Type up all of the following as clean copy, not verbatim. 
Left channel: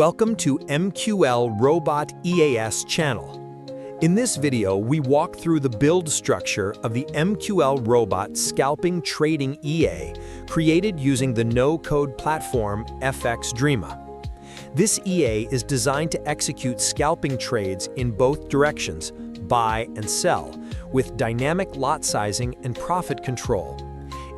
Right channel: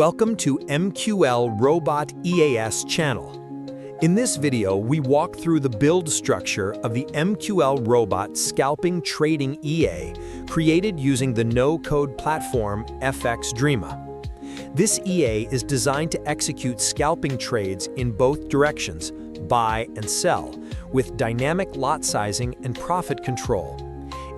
Welcome to Mqlrobot EAS channel. In this video, we walk through the build structure of the Mqlrobot Scalping Trading EA, created using the no-code platform FXDreema. This EA is designed to execute scalping trades in both directions, buy and sell, with dynamic lot sizing and profit control.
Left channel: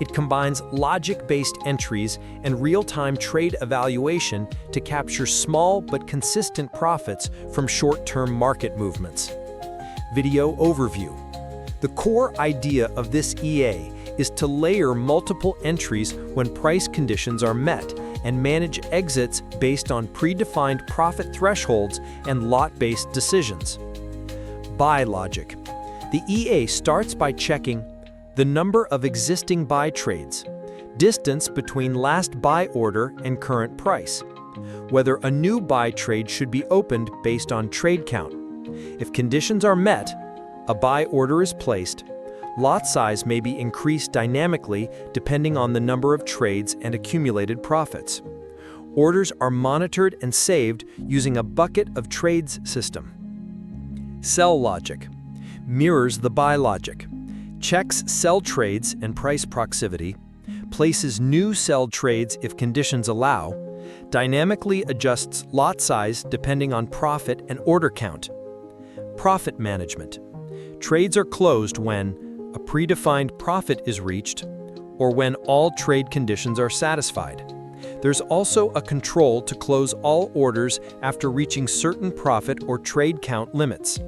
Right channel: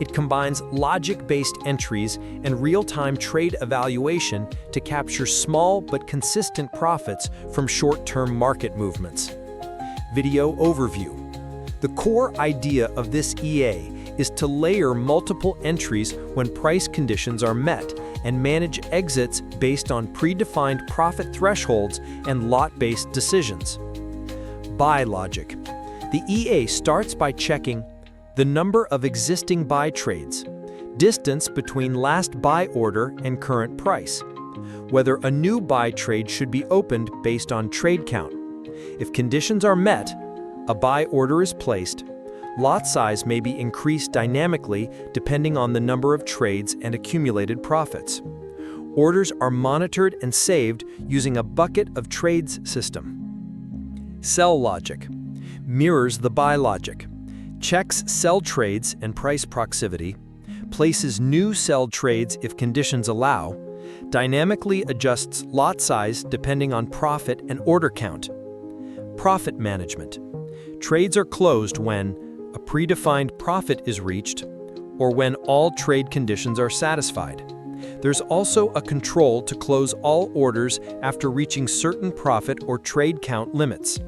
It combines logic-based entries and real-time trade evaluation to capture small but consistent profits from short-term market movements. Video overview. The core idea of this EA is to layer multiple entries when price conditions are met and manage exits based on predefined profit thresholds and lot-based decisions. Buy logic. The EA starts by checking the number of existing buy trades, distance between last buy order and current price, whether a new buy trade should be opened based on trade count. If conditions are met, a buy order is placed. Lot size may be increased dynamically depending on the number of trades and accumulated profits. Orders are monitored and saved using a bucket of trades system. Sell logic mirrors the buy logic. Checks sell trades and price proximity, places new sell trades if conditions allow, dynamically adjusts lot size depending on profit and order count. Profit management. Trades are closed when a predefined profit is reached or when all trade conditions are satisfied. There's also a control to close all orders after reaching certain profit or trade count limits.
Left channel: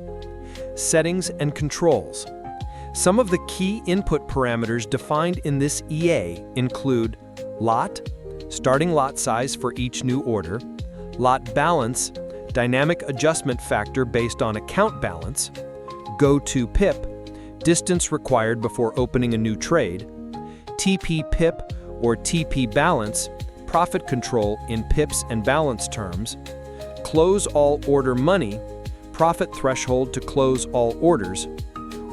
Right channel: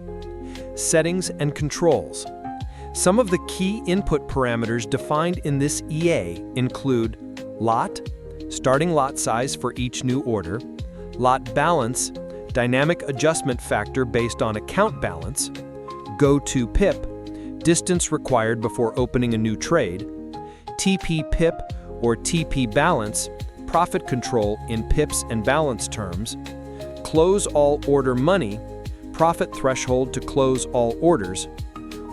Settings and controls. Some of the key input parameters defined in this EA include lot, starting lot size for each new order, lot balance, dynamic adjustment factor based on account balance, go-to pip, distance required before opening a new trade, TP pip or TP balance, profit control in pips and balance terms, close all order money, profit threshold to close all orders,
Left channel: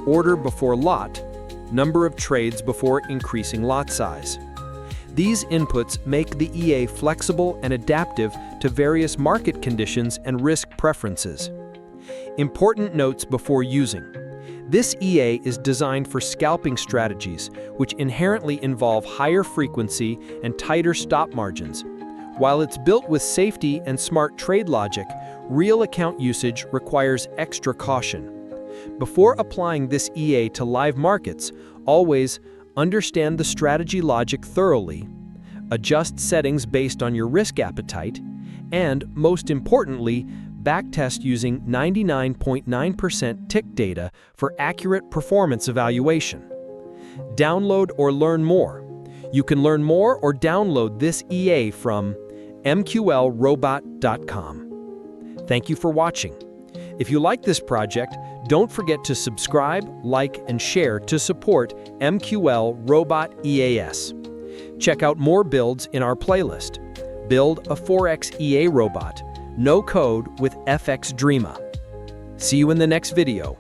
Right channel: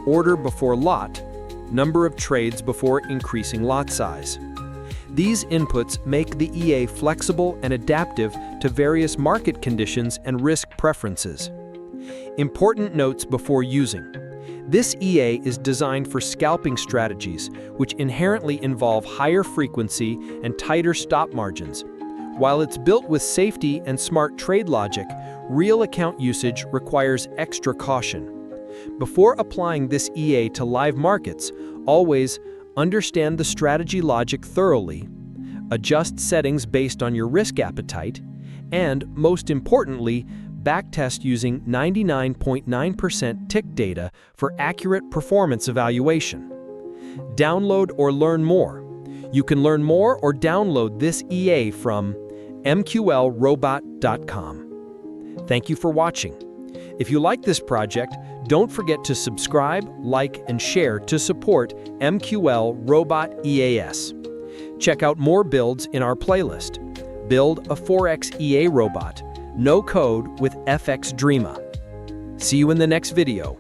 order before lot, number of trades before increasing lot size. These inputs make the EA flexible and adaptive to various market conditions and risk preferences. Important notes before using. This EA is designed for scalping strategies, which inherently involve higher frequency and tighter stop margins. While it's built with safety and smart trade logic, real account usage requires extra caution. Before applying this EA to live markets, always understand the strategy logic thoroughly, adjust settings based on your risk appetite, and, most importantly, backtest using 99.9% tick data for accurate performance evaluation. Download or learn more. You can learn more or download this EA from Mqlrobot.com. Thank you for watching. If you like this project, don't forget to subscribe, like, and share to support Mqlrobot EAS. Check out more builds in our playlist. Build a Forex EA robot, no code with FXDreema. See you in the next video.